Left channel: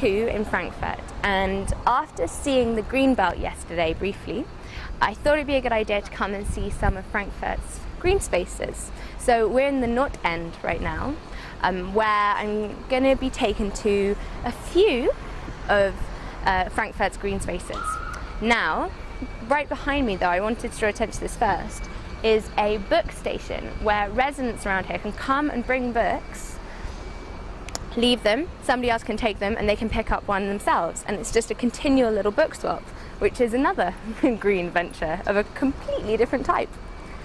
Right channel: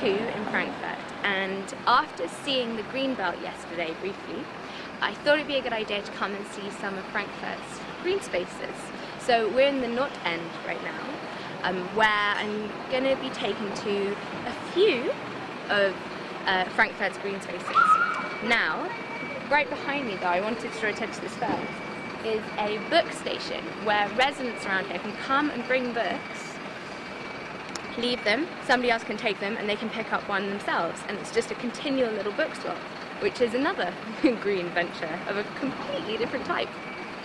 2 in Frankfurt, and after seeing the Greenbelt yesterday briefly, I thought it'd be a good idea to come and see some of Frankfurt's green spaces. So we're in the North End right now, where I'm going to be taken to a few of Frankfurt's green spaces. Now, right behind me though, I wanted to draw attention to this first, is a book station where residents around here can come and bring books, leave them, somebody else can take them, and they can pick up one themselves. And it's just a continual little book swap, which is another green venture of a completely different type.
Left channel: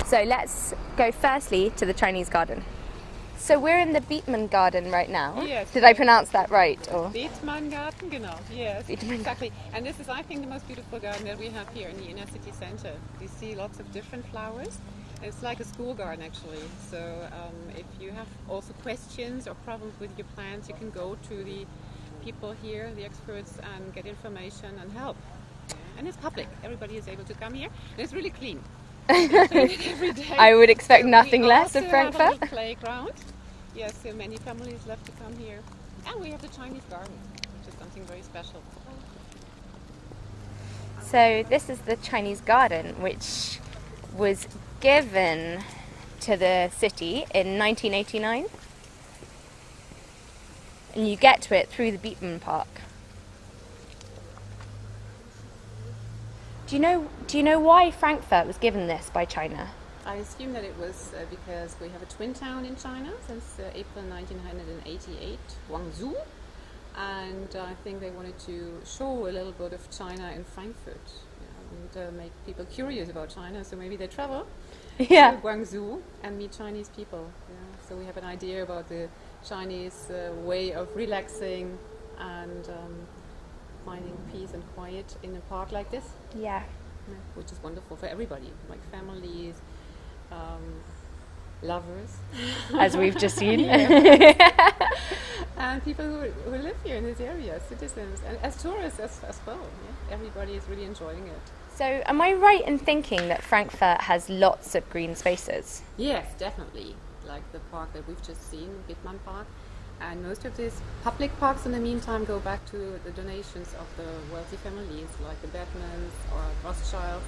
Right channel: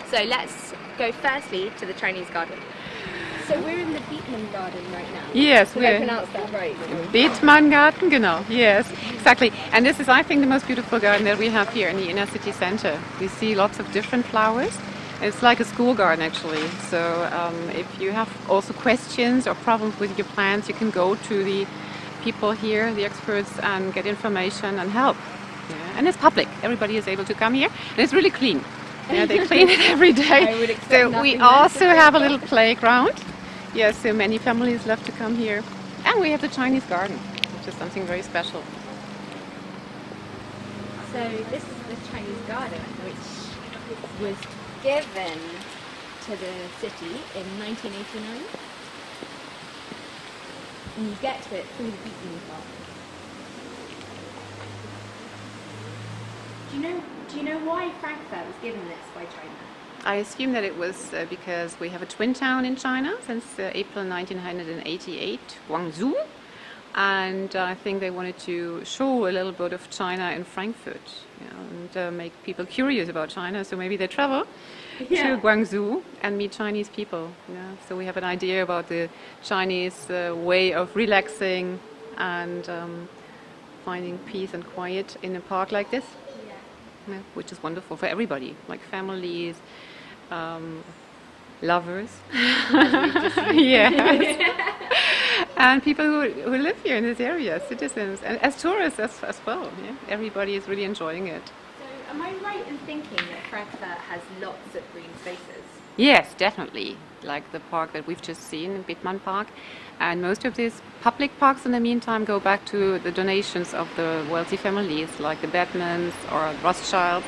So let's go firstly to the Chinese garden. So we're in the Beetman Garden right now. Yes. Did I pronounce that right? Beetman Garden, genau. Yes, exactly. And this is, I think, the most beautiful garden that we have here in the inner city center. We see lots of different flowers. It's like a school garden, actually. So if you have also questions or problems with your plants, you can go to the people here, the experts, and get information and help. Yeah. And it's public. Everybody is able to come here. And it's really clean. They clean it every day. I would expect nothing less. We also have a little playground. Yes, so many families love to come here. And we have the Chinese garden, which is something very special. So this is the Chinese garden, which was given to the city in 1989. And you get to it through the Beetman Park. Do you know why Frankfurt was given this by China? I assume that it was because we have a twin town in China since April 1988, Guangzhou, and I think they wanted to show a little bit of China in Frankfurt, and make people curious about China, so maybe they travel to Guangzhou and meet Chinese people. So we have an idea about the Chinese way of relaxing and finding peace and quiet in a park like this. Yeah. Which is wonderful for everybody, like families, lovers, as we've just seen, and people who live here in this area, citizens, and as tourists as well. Yeah? Everybody is really enjoying it. So, am I right in thinking that Frankfurt has lots of green spaces? Yes, definitely. Like the park that we've just seen, Beetman Park. And most of these public parks in the meantime go back to the donations of the wealthy families, like the Batmans or Rothschild.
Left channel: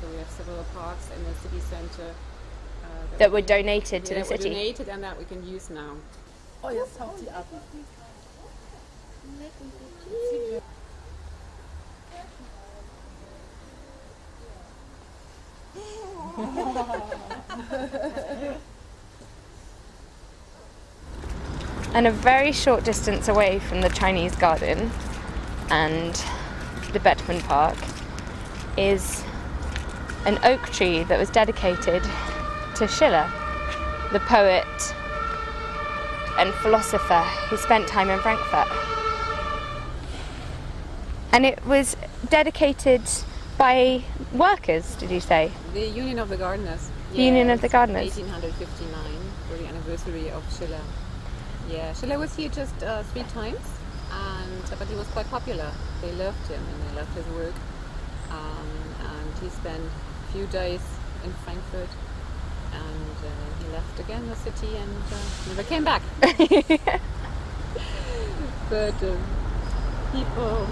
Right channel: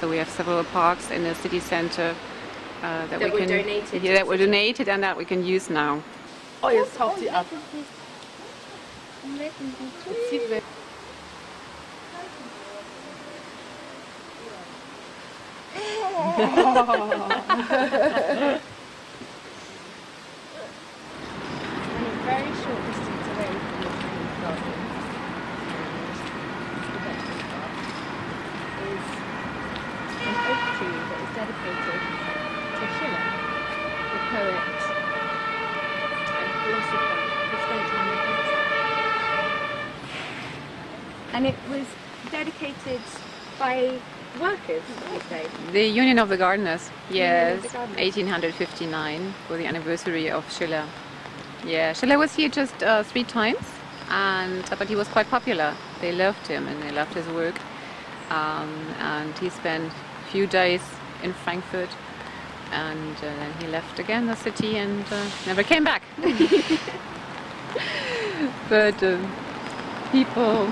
So we have several parks in the city center that were donated to the that were city. Donated and that we can use now. Oh, jetzt taucht sie ab. Zieht weg. And a very short distance away from the Chinese garden and the Beetman Park is an oak tree that was dedicated to Schiller, the poet and philosopher who spent time in Frankfurt. And it was dedicated by workers, did you say? The Union of the Gardeners. Yes, Union of the Gardeners. 1859, for the anniversary of Schiller. Yeah, Schiller was here just 3 times, but he was quite popular. They loved him and they loved his work. And he spent a few days in Frankfurt, and then he left again the city and never came back. But people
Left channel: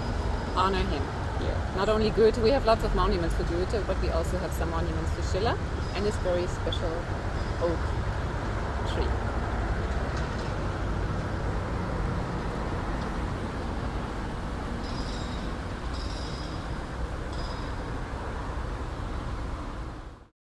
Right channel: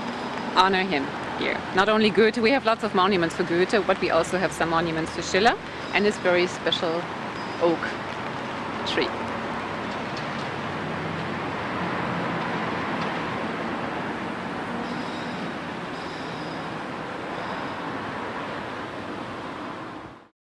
honor him here. Not only Goethe, we have lots of monuments for Goethe, but we also have some monuments to Schiller and this very special oak tree.